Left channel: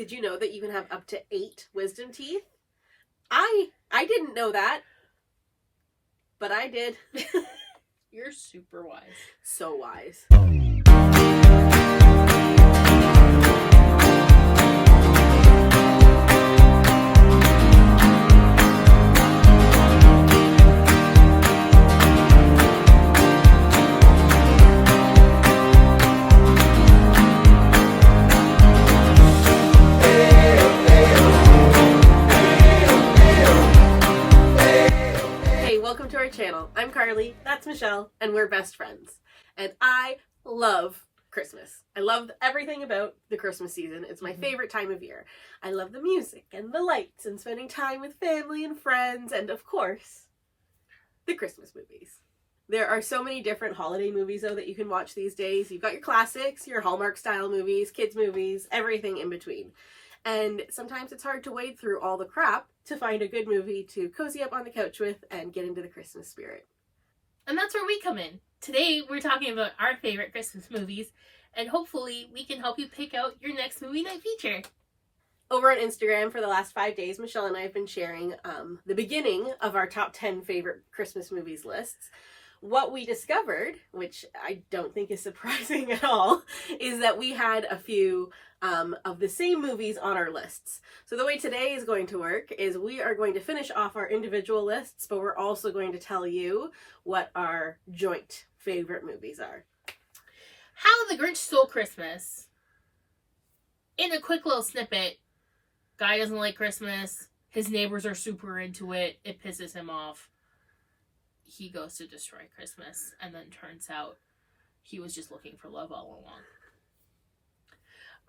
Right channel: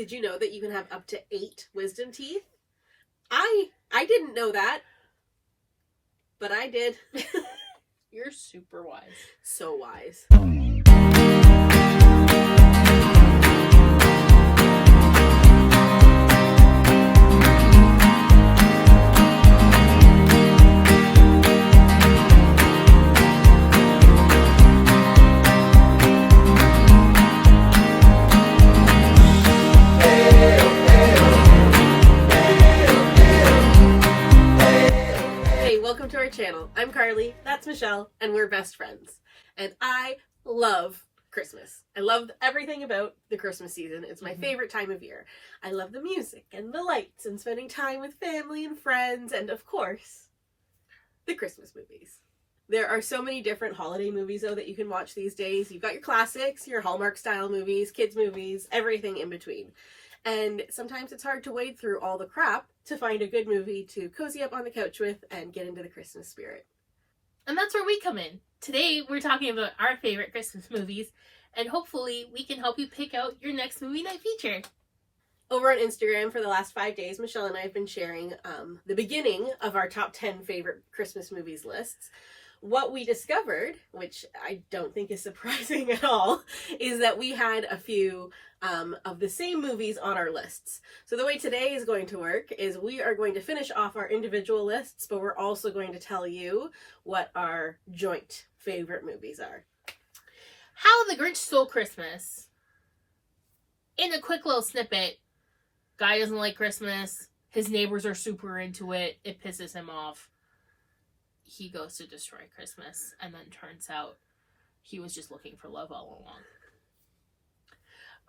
Did you know that you can have up to 8 wisdom teeth? I didn't know that, but I did. You're super wise. So wise. Welcome to our channel. I'm Carleigh, that's Michelle, and we're best friends. And I love Christmas. I love everything about the Christmas season. It's my favorite time of year. I love the music and the lights and spending time with family and friends and, of course, the Christmas movies. There are so many different holiday movies, though, that you can watch these days. You've got your classics, your Hallmark-style movies, kids' movies, everything in between. And sometimes it's hard to wade through all the crap to find a good movie to cozy up on the couch with and get into the Christmas spirit. And that's where we come in. Today, we're talking about our favorite Christmas movies, and hopefully we can help you pick out your next movie night feature. Over on Instagram for the last 5 days, Michelle and I have been sharing the beginning of our top 10 favorite Christmas movies lists. What we discovered, which I don't think is surprising at all, is that we had a few of the same movies on our lists. So the way today is going to work is we are going to finish off our individual lists, but we're also going to tell you what our joint favorite movies are. How the Grinch Stole Christmas. In a quick little snippet, guy doesn't like Christmas. His neighbors are super into it. It pisses him off. He goes to destroy Christmas, and then turns out he was just looking for love all along.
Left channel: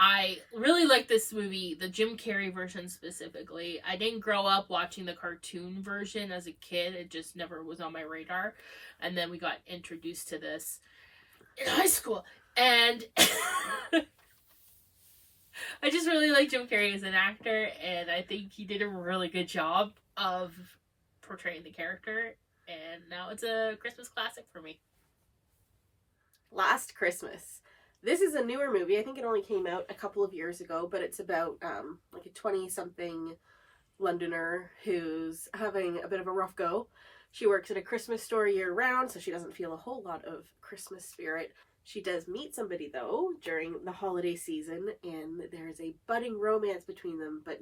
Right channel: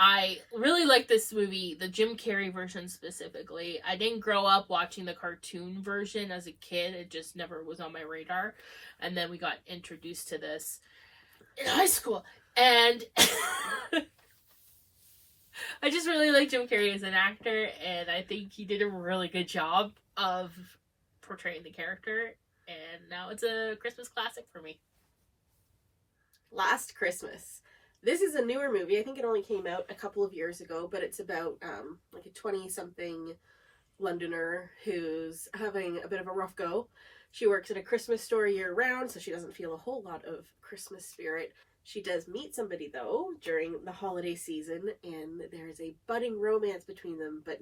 I really like this movie, the Jim Carrey version specifically. I didn't grow up watching the cartoon version as a kid. It just never was on my radar. And then we got introduced to this in high school. And I just really like Jim Carrey as an actor, and I think he did a really good job of portraying the character. And now it's a Christmas classic for me. Last Christmas. This is a newer movie. I think it only came out a couple of years ago, but it's about like a 20-something Londoner who's having a bit of a rough go. She works at a Christmas store year-round, so she doesn't feel a whole lot of Christmas spirit. She does meet somebody, though, during the holiday season, and there's a budding romance between them, but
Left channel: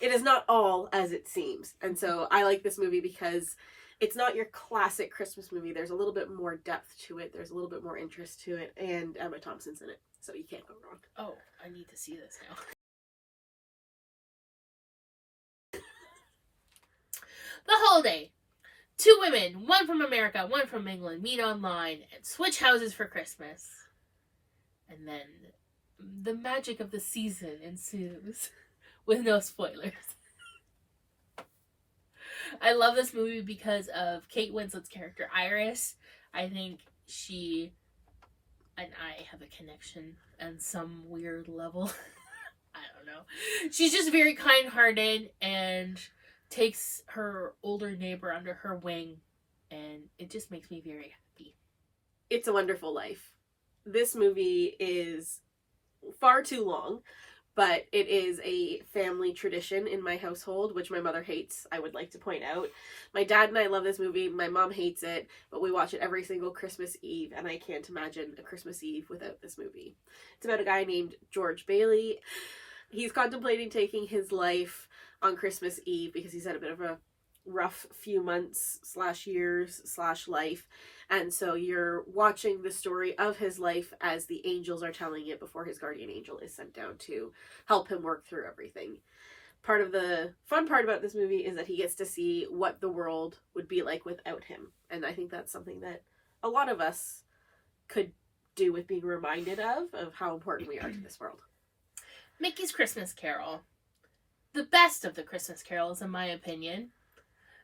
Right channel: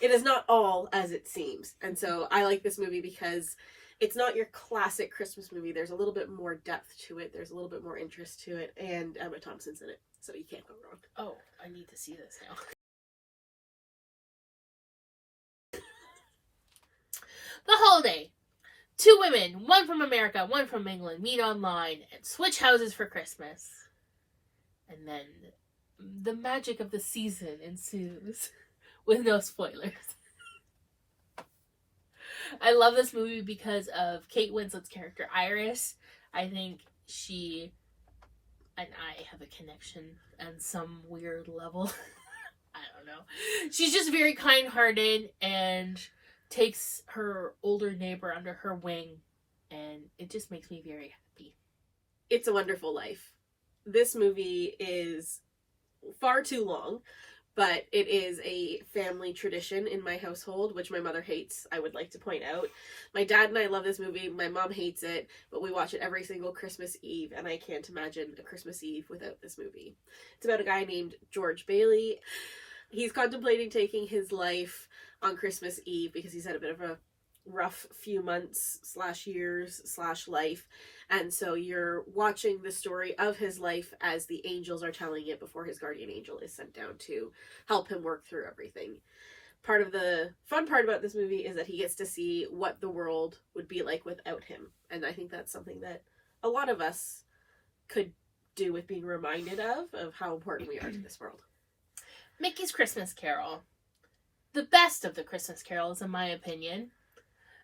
it is not all as it seems. And so I like this movie because it's not your classic Christmas movie. There's a little bit more depth to it. There's a little bit more interest to it. And Emma Thompson's in it. So you can't go wrong. Oh, I need to see this now. The Holiday. 2 women, one from America, one from England, meet online and switch houses for Christmas. And then the magic of the season ensues. With no spoilers. I love this movie because of Kate Winslet's character, Iris. I think she and I have a connection on some weird level. I don't know. She's just very kind-hearted and takes her older neighbor under her wing, and it just makes me very happy. It's a Wonderful Life. This movie is far too long, but it is a family tradition in my household, which my mother hates, I would like to point out. My dad and I love this movie. My mom hates it, but we watch it every single Christmas Eve, and I can't imagine a Christmas Eve without this movie. It's about a guy named George Bailey. He's contemplating taking his life on Christmas Eve because he's had a bit of a rough few months / years / life. And so you're watching the story of his life as the angels are telling it before his guardian angel is sent down to help him work through everything. Part of the fun part about this movie is that he gets to see what the world would be like without him. And I think that's something that a lot of us could do with being reminded of how important we are to this world. Mickey's Christmas Carol. The best of the Christmas carols, in my opinion,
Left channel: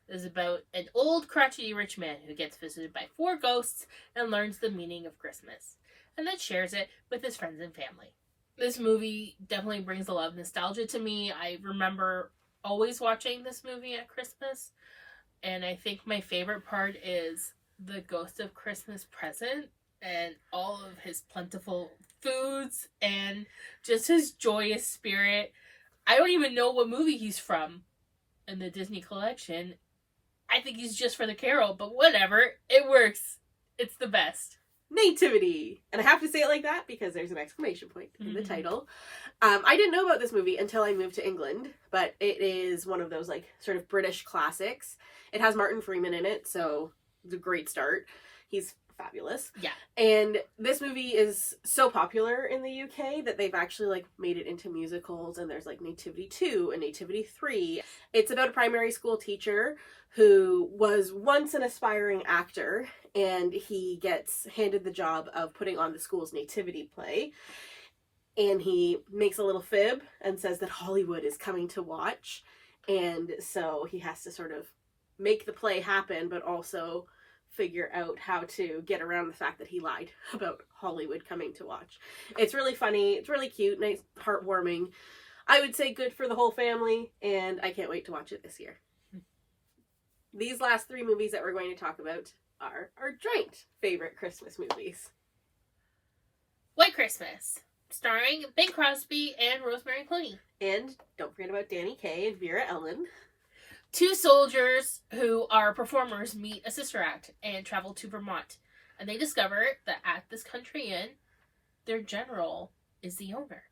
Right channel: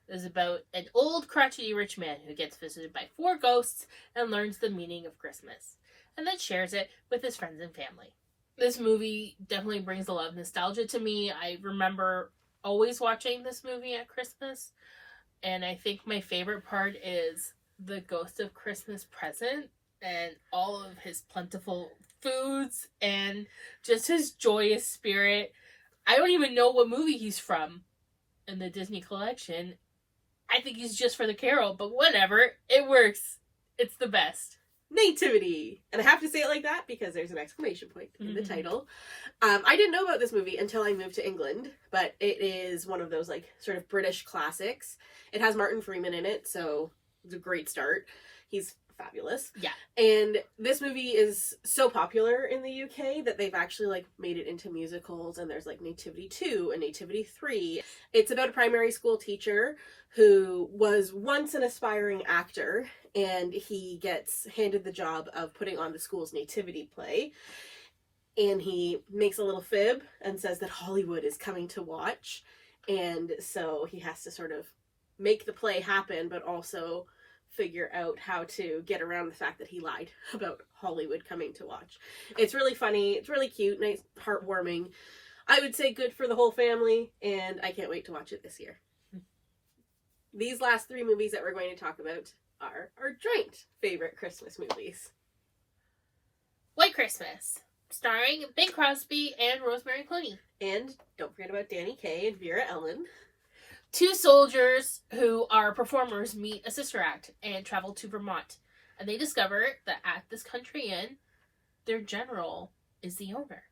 is about an old crotchety rich man who gets visited by 4 ghosts and learns the meaning of Christmas, and then shares it with his friends and family. This movie definitely brings a lot of nostalgia to me. I remember always watching this movie at Christmas, and I think my favorite part is the Ghost of Christmas Present and all of his plentiful foods and just his joyous spirit. I don't even know what movie he's from in the Disney collection. I think he's just for the carol, but whatever. It works. It's the best. Nativity. And I have to say it like that because there's an exclamation point in the title. I didn't know about this movie until I moved to England, but it is one of those like sort of British classics. It has Martin Freeman in it, so it's a great start. He's fabulous. Yeah. And this movie is so popular in the UK that they've actually like made it into musicals, and there's like Nativity 2 and Nativity 3. It's about a primary school teacher who was once an aspiring actor, and he gets handed the job of putting on the school's nativity play. And he makes a little fib and says that Hollywood is coming to watch. And so he has to sort of make the play happen, but also figure out how to get around the fact that he lied about Hollywood coming to watch. It's really funny. It's really cute, nice, heartwarming. I would say good for the whole family, and I can't wait to watch it this year. These last 3 movies that we're going to talk about are our joint favorite Christmas movies. White Christmas, starring Bing Crosby and Rosemary Clooney. And don't forget about Danny Kaye and Vera Ellen. 2 soldiers who are performers meet a sister act and travel to Vermont. And they discover that at this country inn, their general is the owner.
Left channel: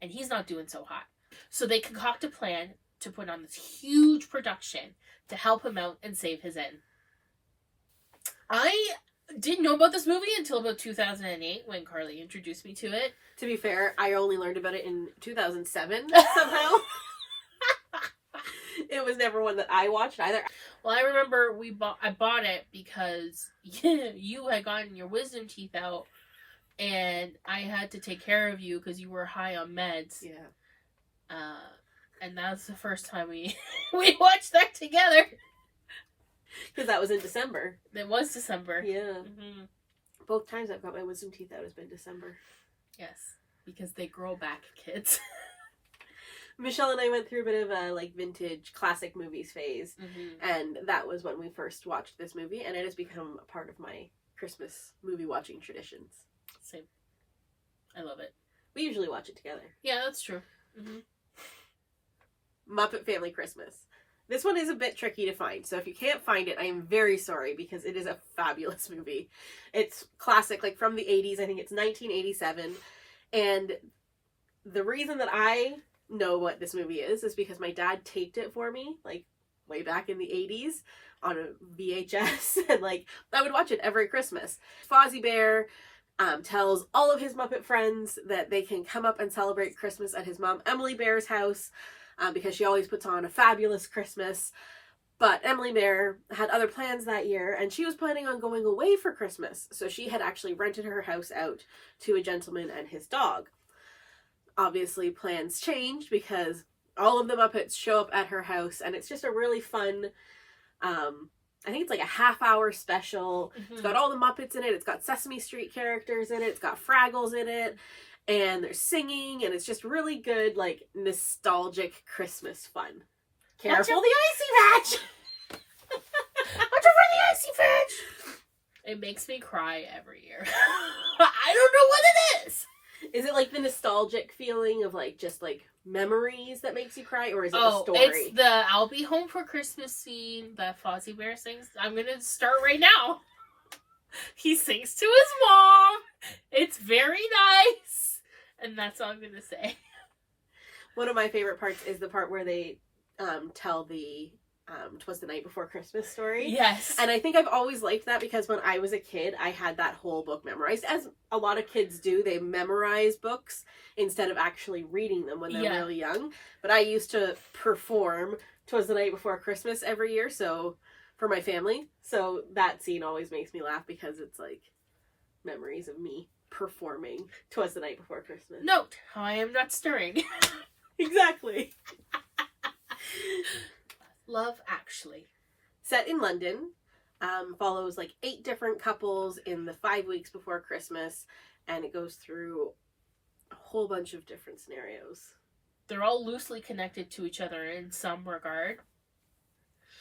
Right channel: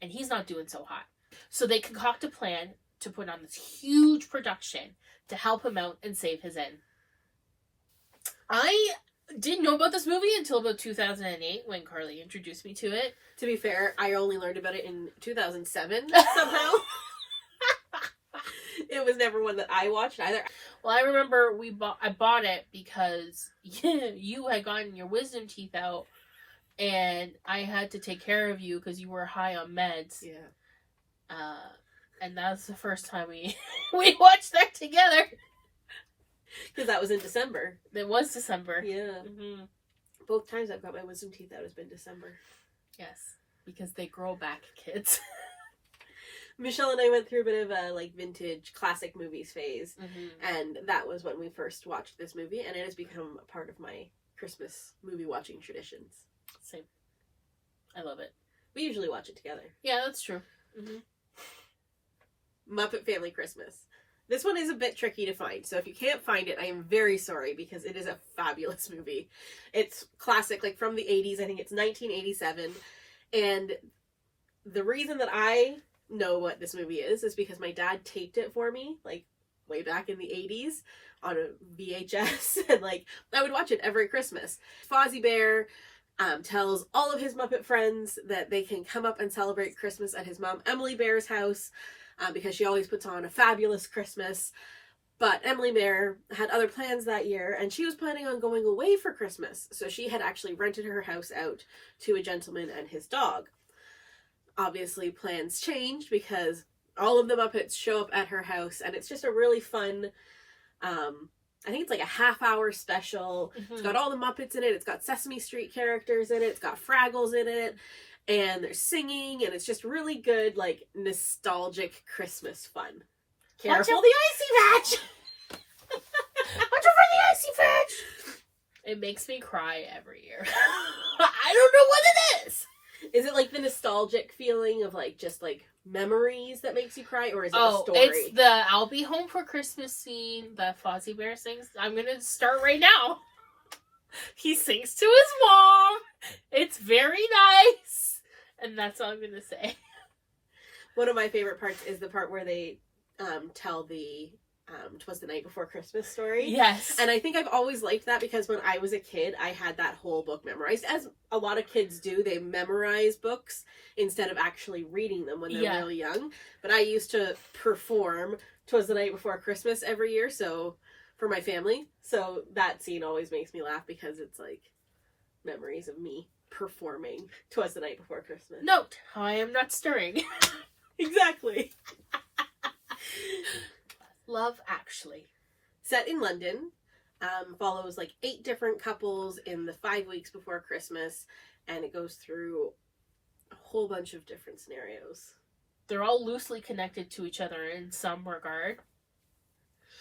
And he's not doing so hot. So they concoct a plan to put on this huge production to help him out and save his inn. I didn't know about this movie until about 2008 when Carleigh introduced me to it. To be fair, I only learned about it in 2007 somehow. It was never one that I watched either. Well, I remember I bought it because you had gotten your wisdom teeth out, and I had to take care of you because you were high on meds. Yeah. And that was the first time we watched that together. Because that was in December. It was December. Yeah. Mm-hmm. Both times I've got my wisdom teeth out has been December. Yes, because they grow back, kids. Michelle and I went through a bit of a like vintage classic movies phase, Mm-hmm. and that was when we first watched this movie, and it has become a part of my Christmas movie watching traditions. Same. I love it. We usually watch it together. Yeah, that's true. Mm-hmm. Muppet Family Christmas. This one is a bit tricky to find, so if you can't find it, I am very sorry because it is a fabulous movie. It's classic, like from the 80s. I think it's 1987, and the reason that I know what this movie is because my dad taped it for me, like way back in the 80s on a VHS, and like I would watch it every Christmas. Fozzie Bear tells all of his Muppet friends that they can come up and celebrate Christmas at his mom Emily Bear's house. Because she always puts on a fabulous Christmas. But Emily Bear had other plans that year, and she was planning on going away for Christmas. So she had actually rented her house out to a gentleman and his dog. Obviously, plans changed because all of the Muppets show up at her house, and it's just a really fun, I think it's like a half-hour special. Mm-hmm. It's got all the Muppets in it. It's got Sesame Street characters in it. It's got Fraggles in it. And they're singing, and it's just really good, like, nostalgic Christmas fun. Careful the icy patch! Watch out for the icy patch! It makes me cry every year. I don't know what it is! Is it, like, the nostalgic feeling of, like, just, like, memories that makes you cry, or is it a story? It's the I'll be home for Christmas scene that Fozzie Bear sings. I'm gonna start right now. He sings to his mom. It's very nice. And that's all I'm going to say. One of my favorite parts is the part where they tell the 'Twas the Night Before Christmas story. Yes. And I think I've always liked that because when I was a kid, I had that whole book memorized. As a lot of kids do, they memorize books instead of actually reading them when they're really young. But I used to perform 'Twas the Night Before Christmas every year, so for my family. So that scene always makes me laugh because it's like memories of me performing 'Twas the Night Before Christmas. Note how I am not stirring. Exactly. Love Actually. Set in London, follows like 8 different couples in the 5 weeks before Christmas, and it goes through a whole bunch of different scenarios. They're all loosely connected to each other in some regard.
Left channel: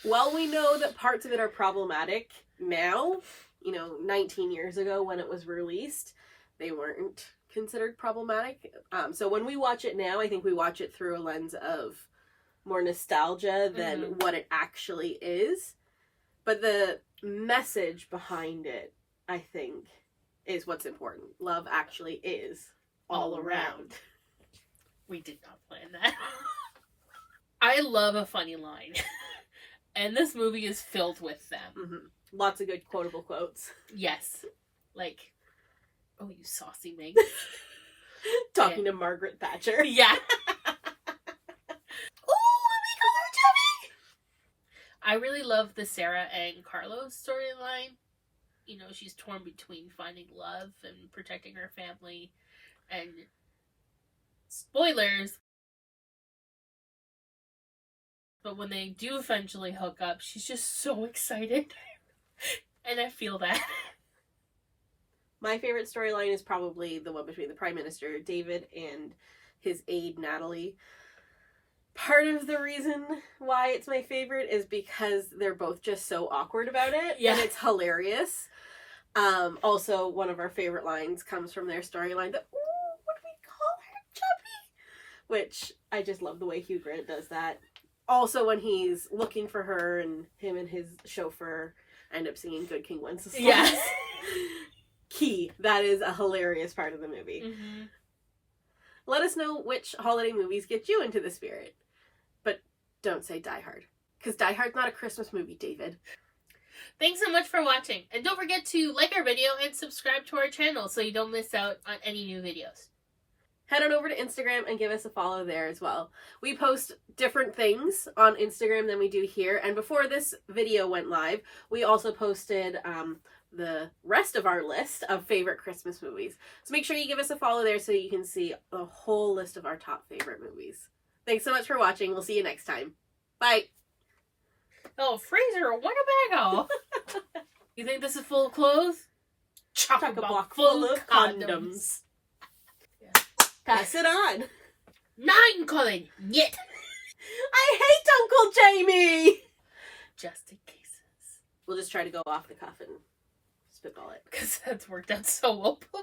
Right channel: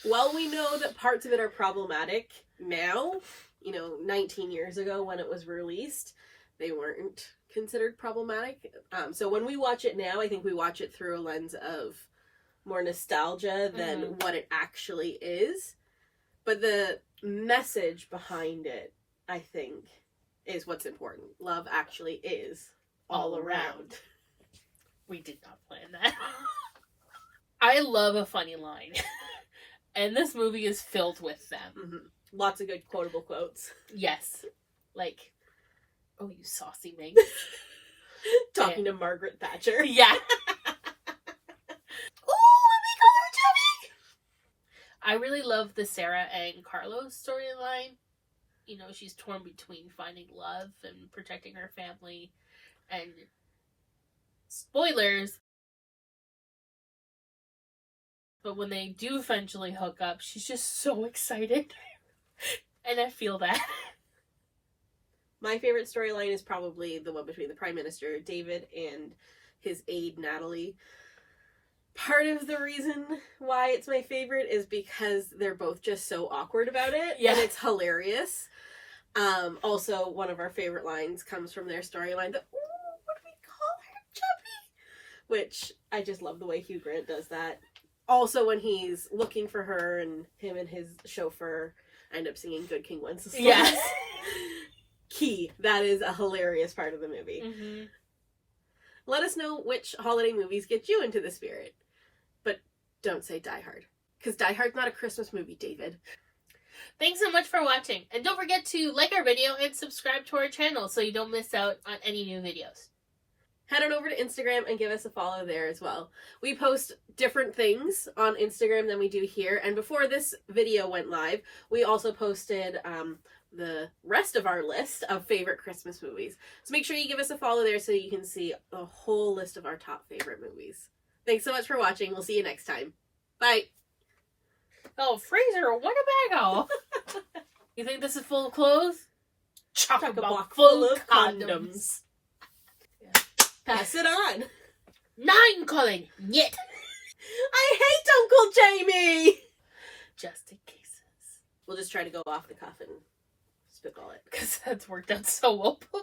While we know that parts of it are problematic now, 19 years ago when it was released, they weren't considered problematic. So when we watch it now, I think we watch it through a lens of more nostalgia than what it actually is. But the message behind it, I think, is what's important. Love actually is all around. We did not plan that. I love a funny line. And this movie is filled with them. Mm-hmm. Lots of good quotable quotes. Yes. Like, oh, you saucy Meg. Talking to Margaret Thatcher. Yeah. Oh, let me call her Chubby! I really love the Sarah and Carlos storyline. You know, she's torn between finding love and protecting her family. And spoilers, but when they do eventually hook up, she's just so excited. And I feel that. My favorite storyline is probably the one between the Prime Minister, David, and his aide, Natalie. Part of the reason why it's my favorite is because they're both just so awkward about it. Yeah. And it's hilarious. Also, one of our favorite lines comes from their storyline that, ooh, what do we call her, Chubby? Which, I just love the way Hugh Grant does that. Also, when he's looking for her and him and his chauffeur end up singing Good King Wenceslas. Yeah. Key. That is a hilarious part of the movie. Mm-hmm. Let us know which holiday movies get you into the spirit. But don't say Die Hard. Because Die Hard's not a Christmas movie, David. Thanks so much for watching. And don't forget to like our video and subscribe to our channel so you don't miss out on any new videos. Head on over to Instagram and give us a follow there as well. We post different things on Instagram than we do here. And before this video went live, we also posted the rest of our list of favorite Christmas movies. So make sure you give us a follow there so you can see the whole list of our top favorite movies. Thanks so much for watching. We'll see you next time. Bye. Oh, Fraser, what a bagel. You think this is full of clothes? Chock-a-block full of condoms. Yeah. Pass it on. 9, Colin. Yet. I hate Uncle Jamie. Just in cases. We'll just try to go off the cuff and spitball it. Because that's worked out so well before.